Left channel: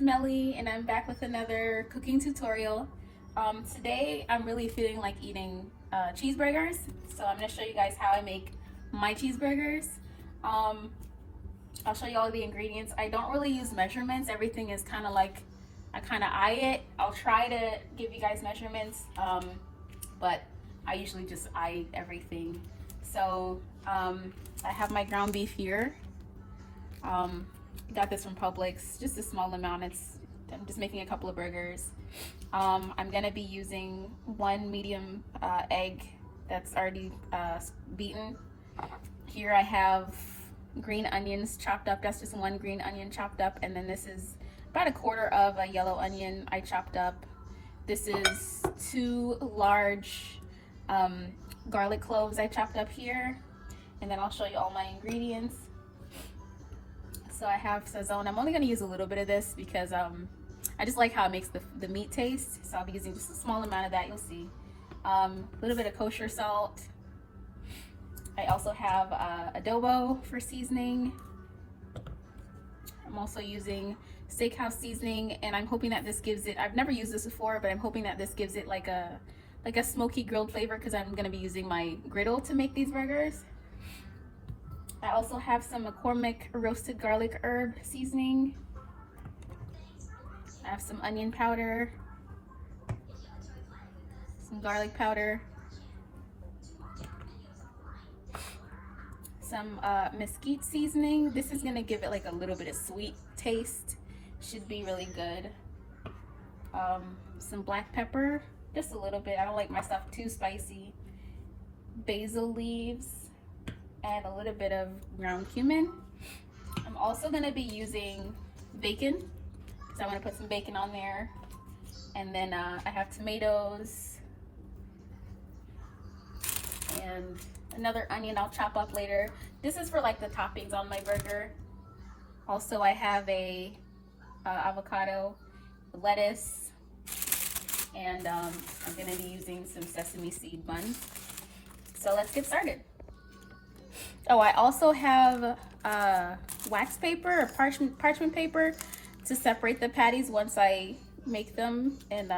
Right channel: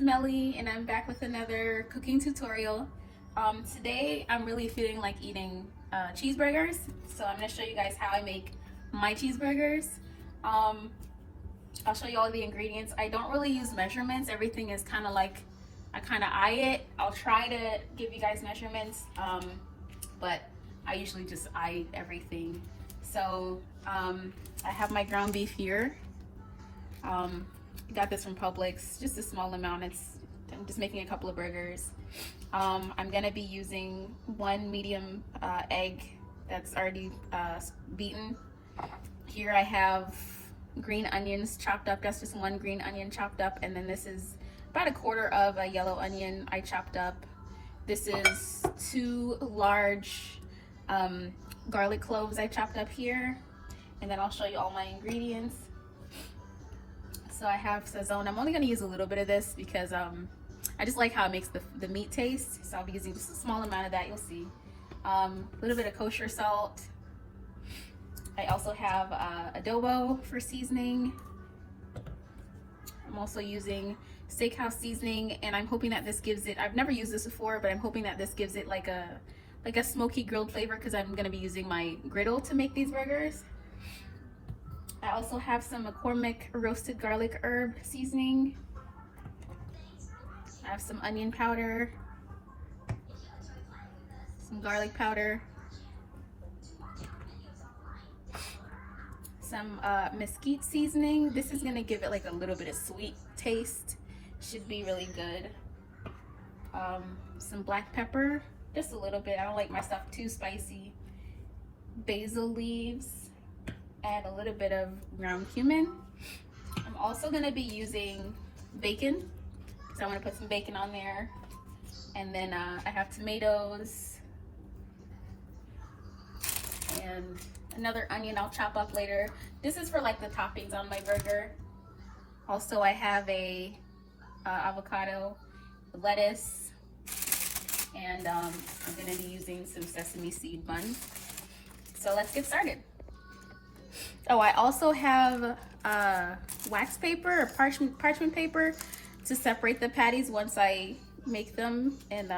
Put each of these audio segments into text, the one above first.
it's Melly and I'm back with another cooking tutorial. Today I'm really feeling like eating cheeseburgers, so I'm going to show you guys how I make my cheeseburgers. I'll show you all the ingredients. I don't really use measurements. Everything is kind of like, I kind of eye it. I'll try to give you guys measurements, but I usually just eye everything. So I have my ground beef here. Got this from Publix, just a small amount. I'm just making a couple of burgers. I'm gonna be using one medium egg that's already beaten. Here I have green onions chopped up. That's just one green onion chopped up, and then this is about a quarter of a yellow onion I chopped up. This is 2 large garlic cloves I chopped up here, and then I'll show you all my ingredients. So I have Saźon. I'm only going to use a little bit of this because I just like how it makes the meat taste. So I'll be using just a small amount of that, you'll see. A little bit of kosher salt. I also have Adobo for seasoning. I'm also using Steakhouse Seasoning, and I'm hoping that this gives it, I've never used this before, but I'm hoping that this gives it like a smoky grilled flavor because I'm going to be using my griddle to make these burgers. I also have some McCormick roasted garlic herb seasoning. I have some onion powder, some garlic powder, some Mesquite seasoning. This is gonna give it like a little bit of sweet taste. Should be really good. Some black pepper, just a little bit. I don't like my stuff too spicy. Basil leaves, and a little bit of ground cumin. I'm also gonna be using bacon, because I wanna put some bacon on there. And then I have tomatoes, and another onion I'll chop up later. This is for like the toppings on my burger. Also I have a avocado, lettuce, and I'm gonna be using some sesame seed buns. So let's get started. Oh, I also have wax paper or parchment paper to separate the patties once I make them, and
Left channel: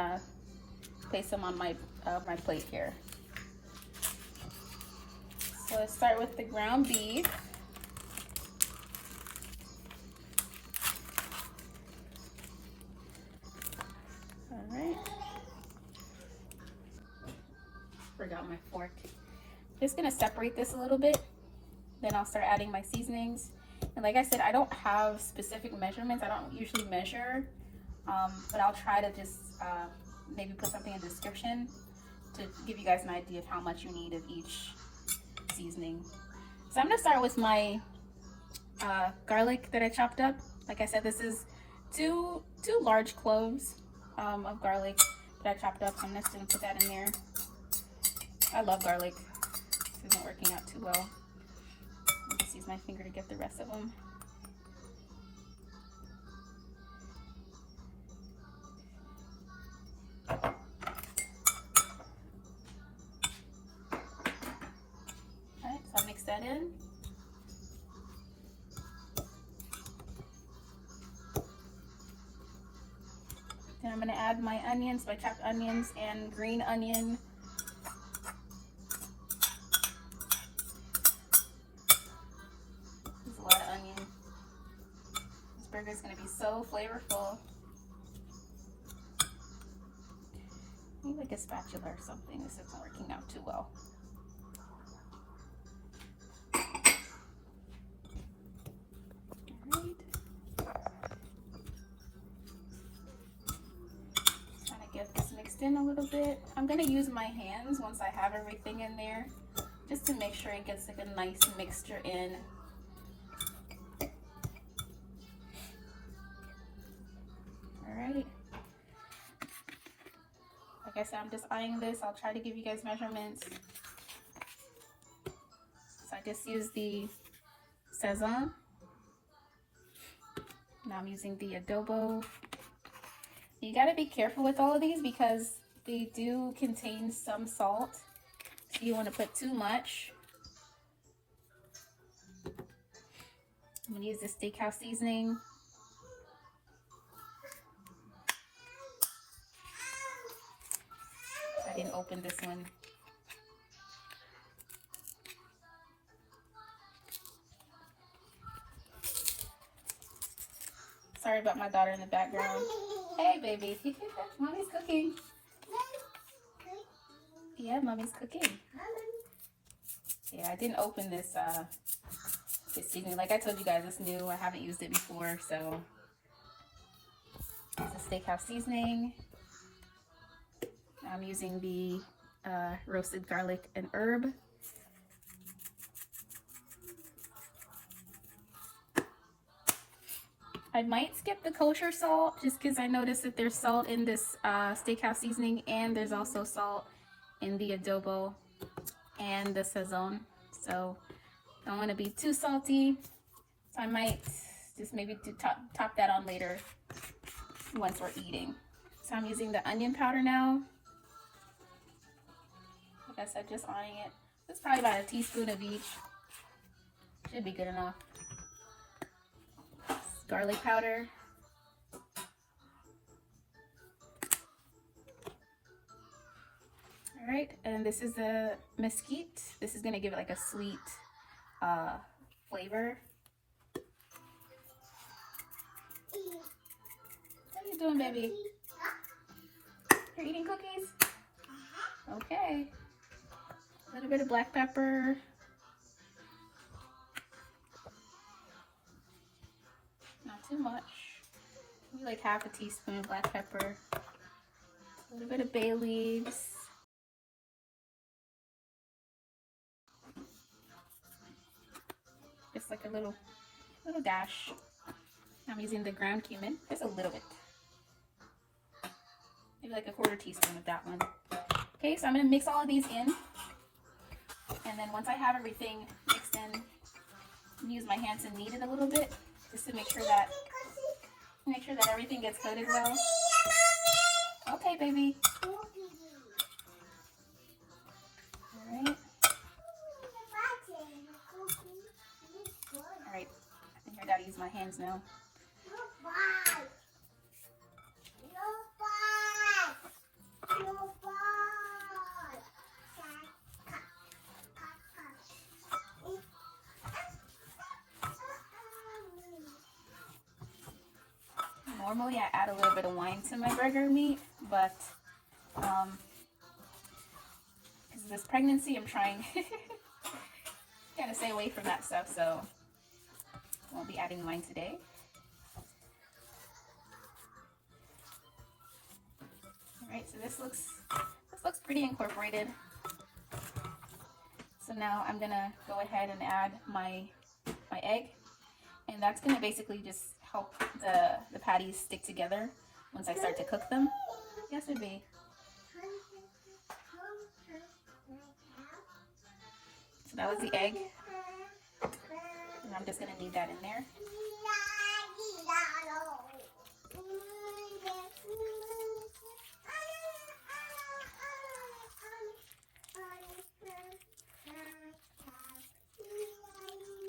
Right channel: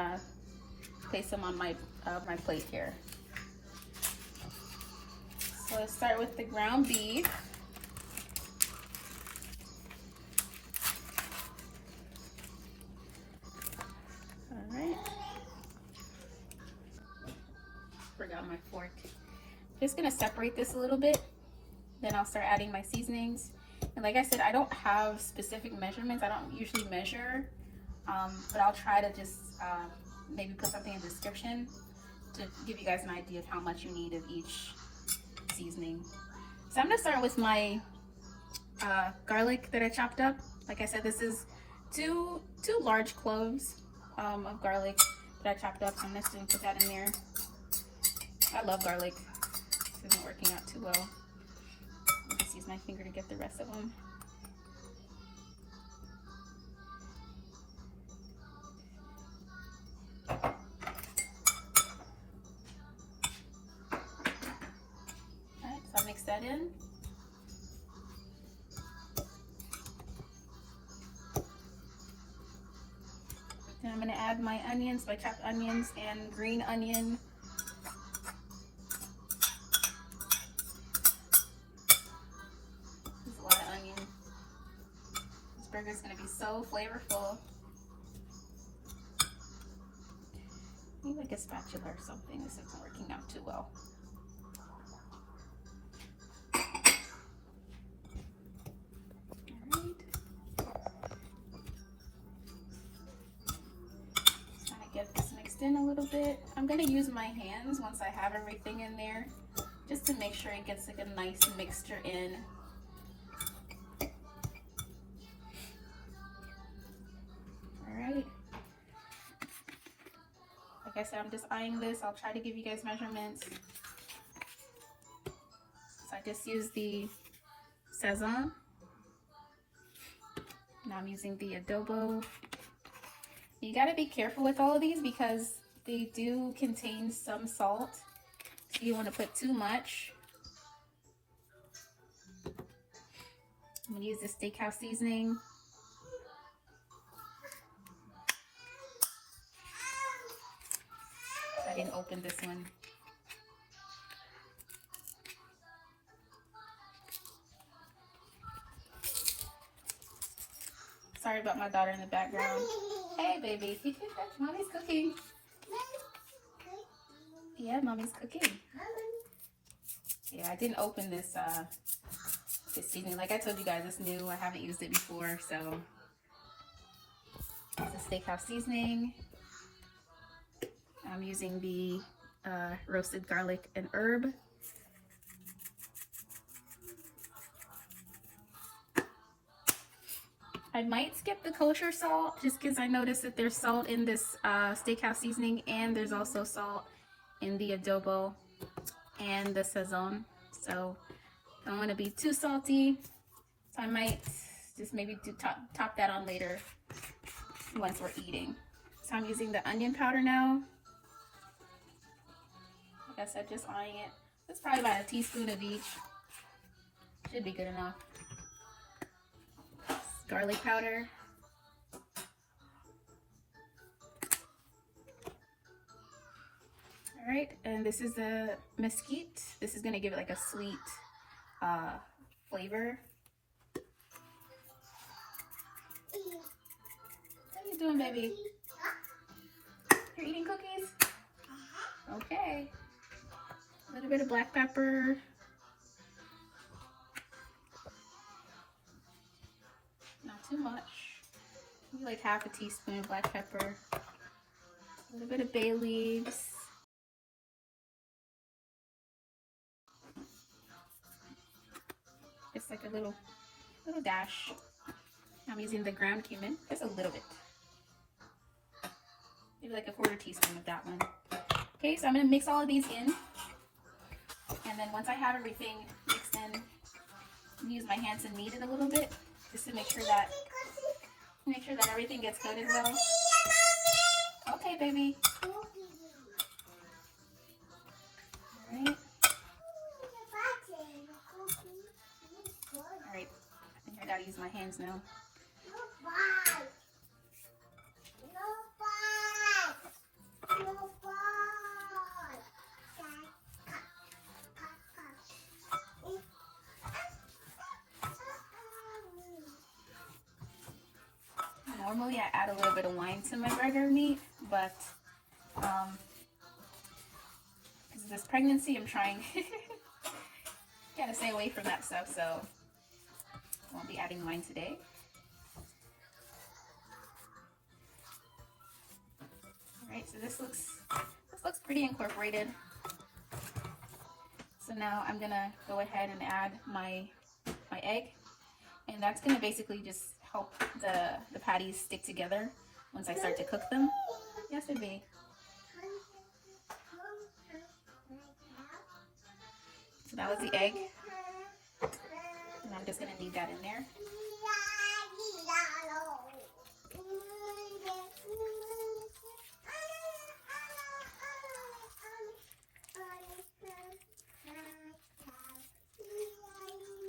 place them on my plate here. So let's start with the ground beef. All right. Forgot my fork. Just gonna separate this a little bit. Then I'll start adding my seasonings. And like I said, I don't have specific measurements. I don't usually measure, but I'll try to just maybe put something in the description to give you guys an idea of how much you need of each seasoning. So I'm gonna start with my garlic that I chopped up. Like I said, this is two large cloves of garlic that I chopped up. So I'm just gonna put that in there. I love garlic. This isn't working out too well. I'll just use my finger to get the rest of them. Alright, so I'll mix that in. Then I'm going to add my onions, my chopped onions and green onion. Burger's gonna be so flavorful. Maybe like a spatula or something. This isn't working out too well. Alright. Just trying to get this mixed in a little bit. I'm gonna use my hands once I have everything in there, just to make sure it gets like a nice mixture in. Alright. Like I said, I'm just eyeing this. I'll try to give you guys measurements. So I just used the Saźon. Now I'm using the Adobo. You gotta be careful with all of these because they do contain some salt. So you want to put too much. I'm gonna use the Steakhouse Seasoning. opened this one. Sorry about my daughter in the background. Hey, baby. Mommy's cooking. Yeah, mommy's cooking. Yeah, I didn't open this seasoning. Like I told you guys, it's new. I haven't used it before, so it's a Steakhouse Seasoning. I'm using the roasted garlic and herb. I might skip the kosher salt just because I noticed that there's salt in this Steakhouse Seasoning, and there's also salt in the Adobo and the Saźon. So I don't want to be too salty. So I might just maybe do top that on later once we're eating. So I'm using the onion powder now. Like I said, just eyeing it. It's probably about a teaspoon of each. Should be good enough. Garlic powder. All right, and this is the Mesquite. This is gonna give it like a sweet flavor. What are you doing, baby? You're eating cookies? Okay. A little bit of black pepper. Not too much. Maybe like half a teaspoon of black pepper. A little bit of bay leaves. Just like a little dash. I'm using the ground cumin, just a little bit. Maybe like a quarter teaspoon of that one. Okay, so I'm gonna mix all of these in. And then once I have everything mixed in, I'm use my hands and knead it a little bit, just to make sure that everything gets coated well. Okay, baby. Alright. Alright. I think I gotta use my hands now. Normally I add a little bit of wine to my burger meat, but because of this pregnancy, I'm trying kind of stay away from that stuff, so I won't be adding wine today. Alright, so this looks pretty incorporated. So now I'm gonna go ahead and add my egg, and that's gonna basically just help the patties stick together once I start to cook them. Yes, baby. So that was the egg. And I'm just gonna knead that in there.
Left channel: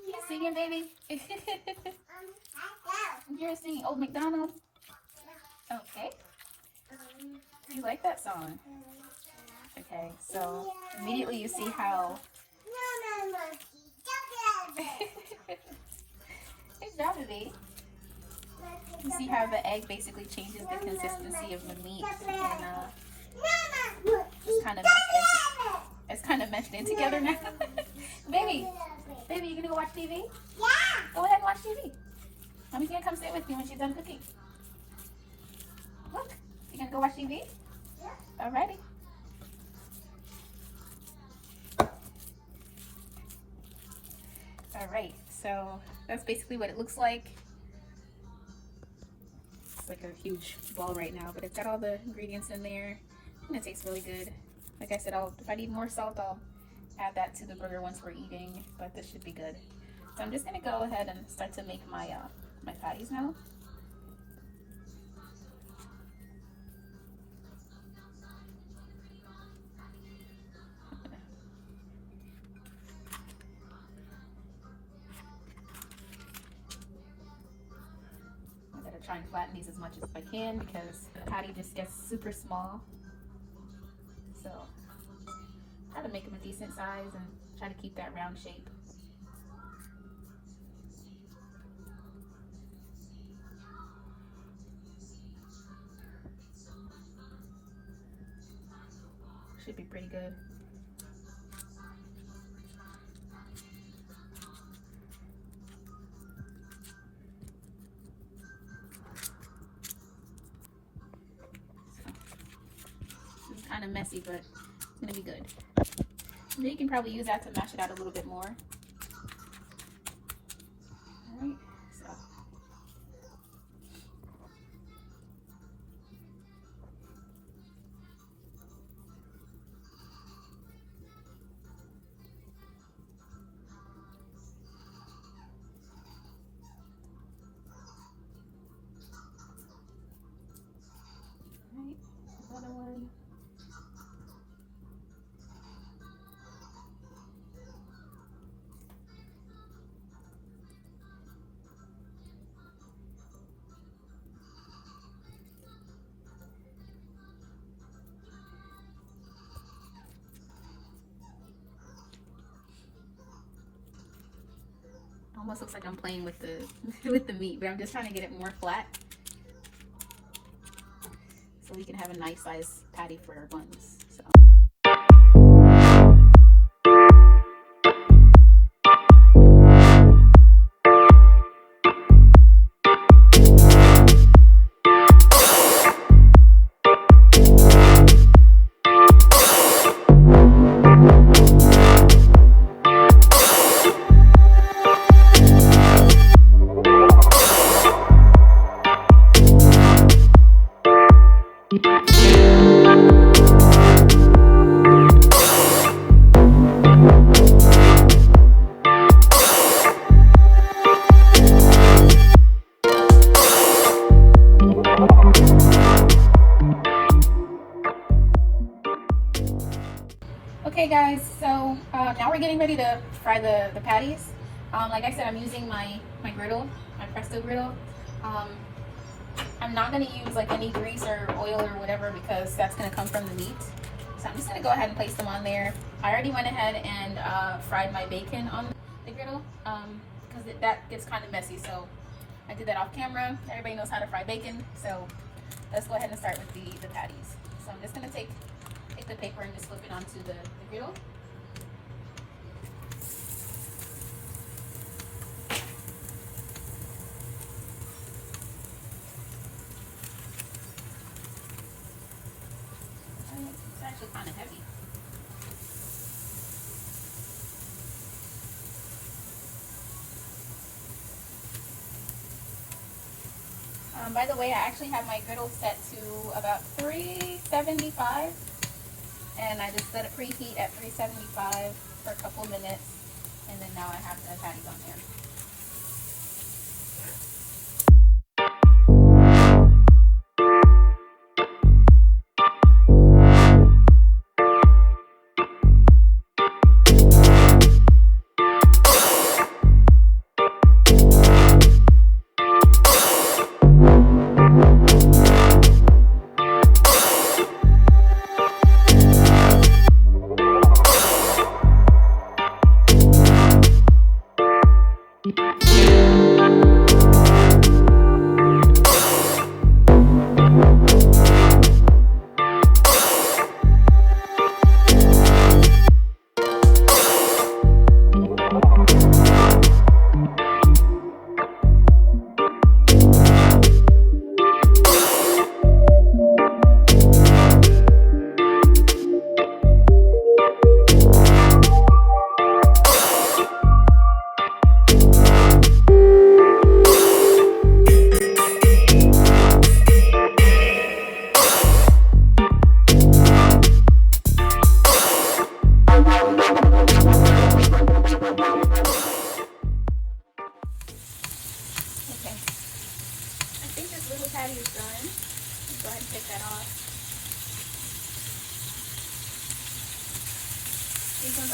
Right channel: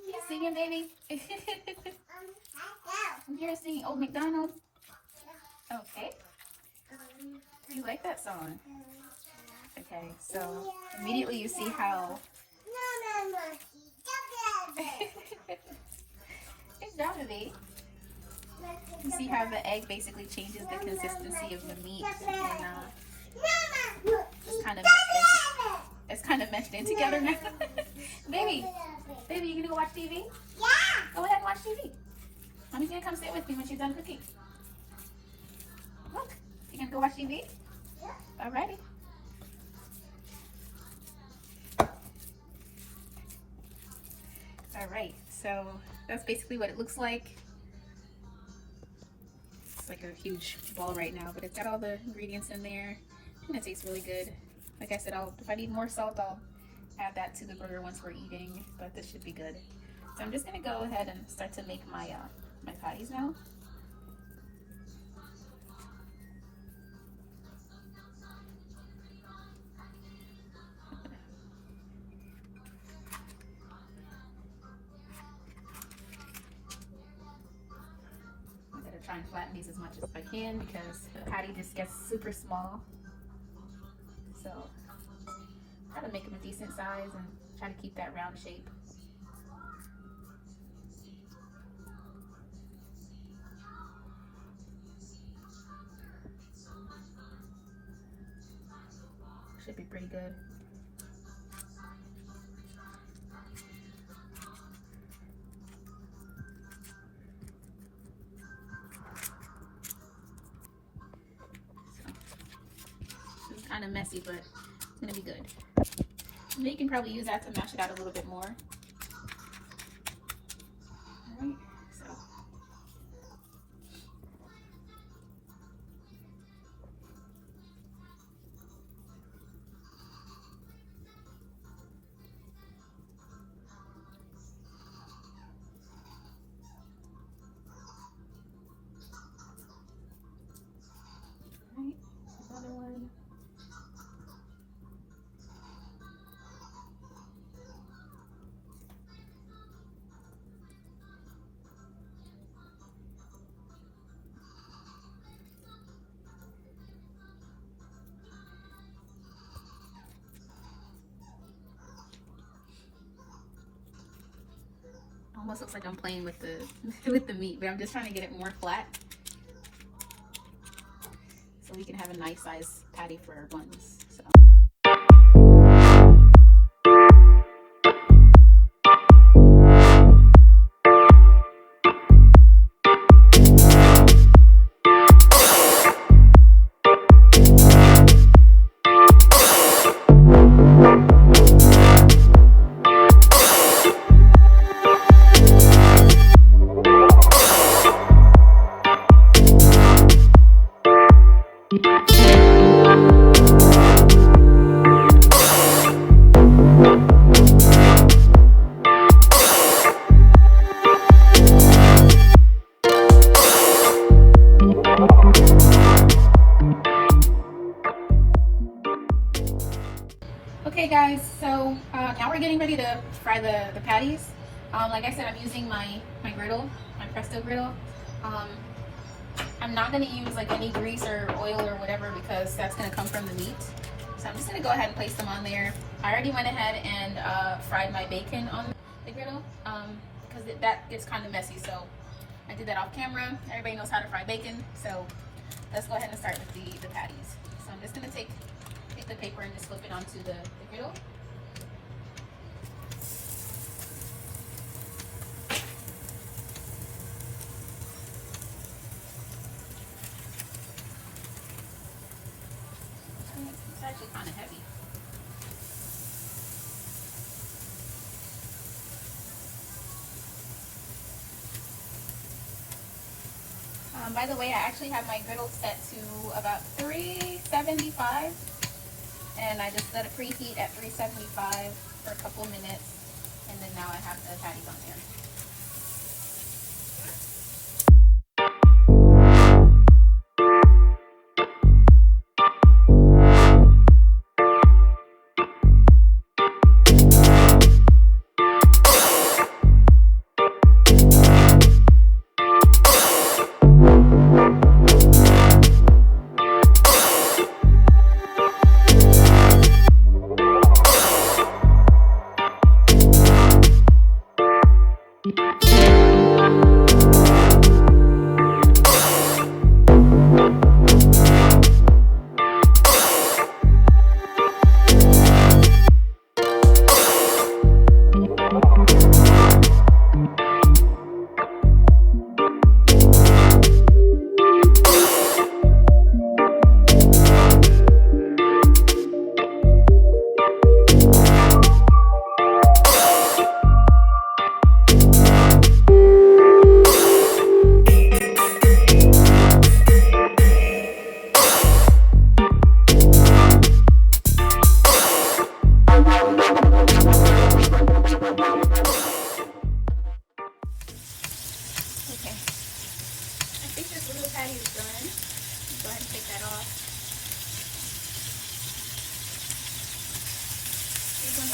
You singing, baby? You're singing Old MacDonald? Okay. You like that song? Okay, so immediately you see how... Good job, baby. See how the egg basically changes the consistency of the meat, and it's kind of meshed in together now. Baby, you gonna go watch TV? Yeah. Go ahead and watch TV. Mommy's gonna come sit with me when she's done cooking. Look, you gonna go watch TV? Yeah. Alrighty. Alright, so that's basically what it looks like. It's like a huge ball right now, but it's got all the ingredients in there, and it tastes really good. Like I said, if I need more salt, I'll add that to the burger once we're eating, but this should be good. So I'm just gonna go ahead and start to make my patties now. I'm gonna try and flatten these as much as I can because the patty just gets super small. So to make them a decent size and try to keep that round shape. Should be pretty good. It's kind of messy, but it's gonna be good. And you can probably use that to mash it out a little bit more. Almost looks like I'm playing with the with the meat, but I'm just trying to get it more flat so we can have a nice size patty for our buns. So. Okay guys, so now we're getting ready to fry the patties. Like I said, I'm using my griddle, my Presto griddle. I'm not going to use like any grease or oil or whatever because that's going to come from the meat. So I'm just going to go ahead and place them on there. I already went ahead and fried my bacon on the griddle because that gets kind of messy. So I did that off camera. Everybody knows how to fry bacon. So let's go ahead and start with the patties. So I'm just going to take the paper and just flip it onto the griddle. It's actually kind of heavy. By the way, I actually have my griddle set to about 375. And I just let it preheat at 375 for a couple minutes, and then now I have the patties on there.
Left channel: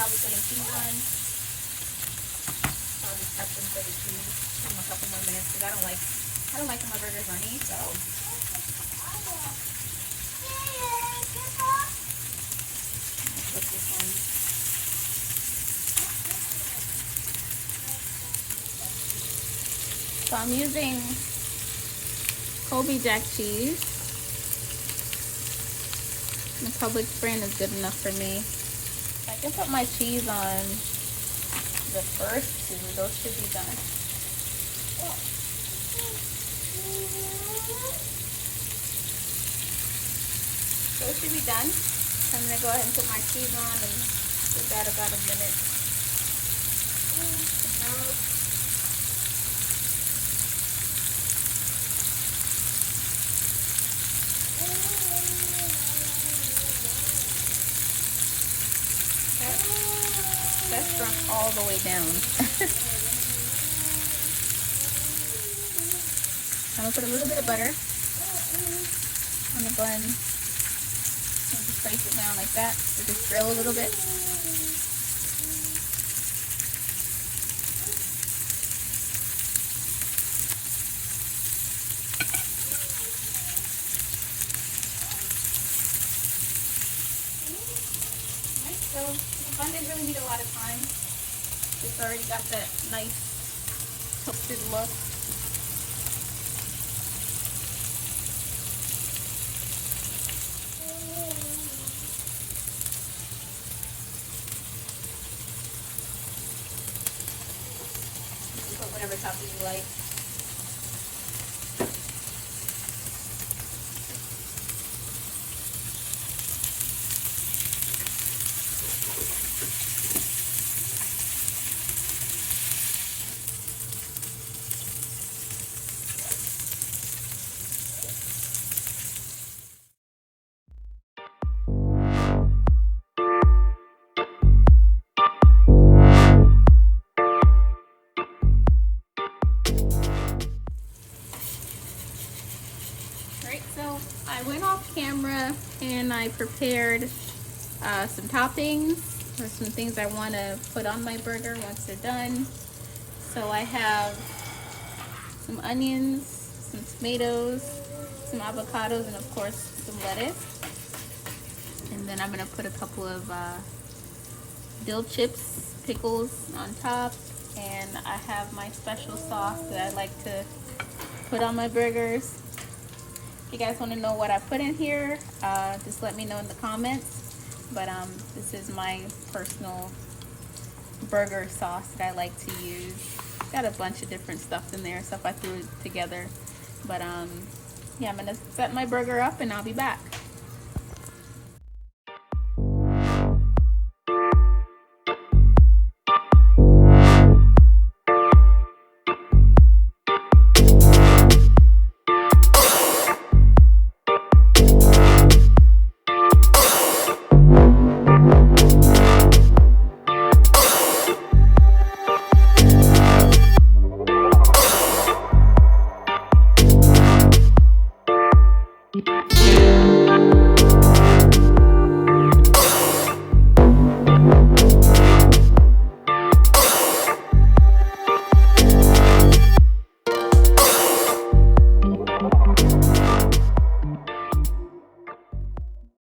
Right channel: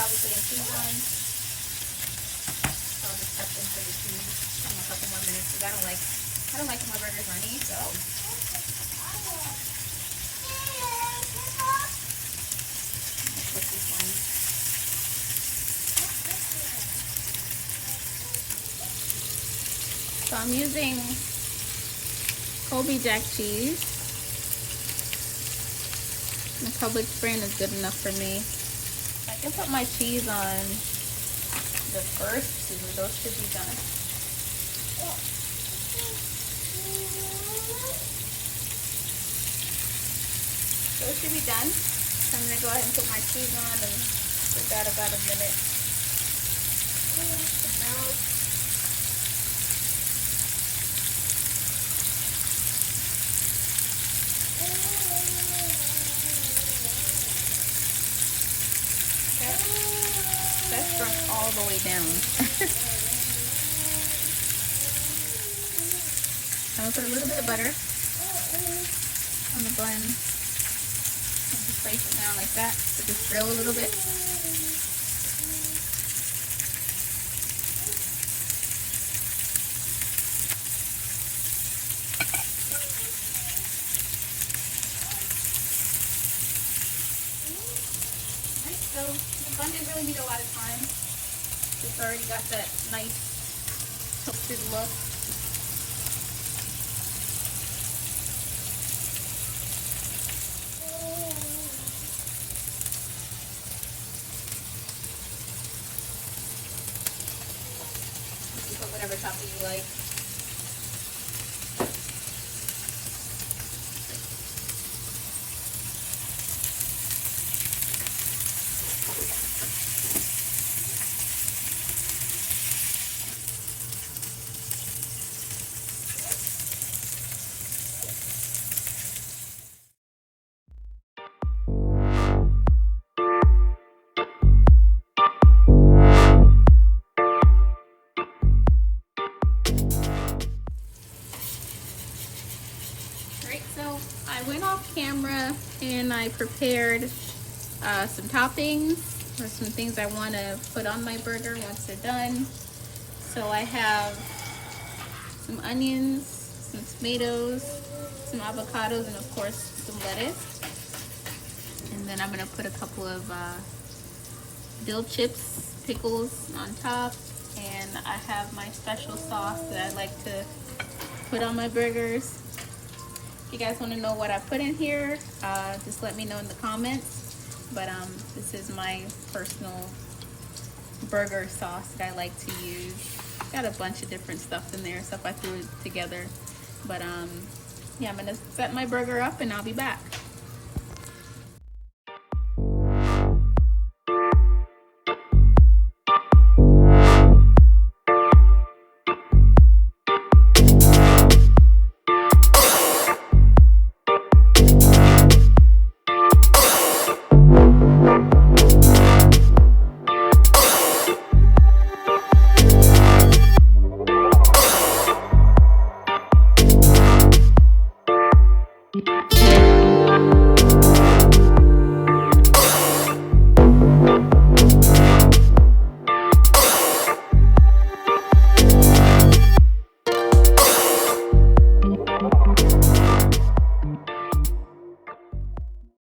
I'll be putting cheese on. So I'll just touch them for the cheese in a couple more minutes because I don't like my burgers runny, so. Flip this one. So I'm using Colby Jack cheese. The Publix brand is good enough for me. I can put my cheese on the first two. Those should be done. Those should be done. So I'm gonna go ahead and put my cheese on and give that about a minute. That's brushed all the way down. I'm gonna put a little bit of butter. I'm gonna go ahead and just place it down like that. So just grill a little bit. So the bun didn't really need a lot of time. It's already got that nice toasted look. You put whatever topping you like. So I went off camera and I prepared some toppings or some things I want to put on my burger once they're done. So I have some onions, some tomatoes, some avocados, and of course some lettuce. And then I'm going to put a couple of dill chips, pickles on top. And I have my special sauce that I like to put on my burgers. If you guys want to know what I put in here, just let me know in the comments. But this is my personal burger sauce that I like to use. Got a bunch of different stuff in there, stuff I threw together. But yeah, I'm gonna set my burger up and I'll be back.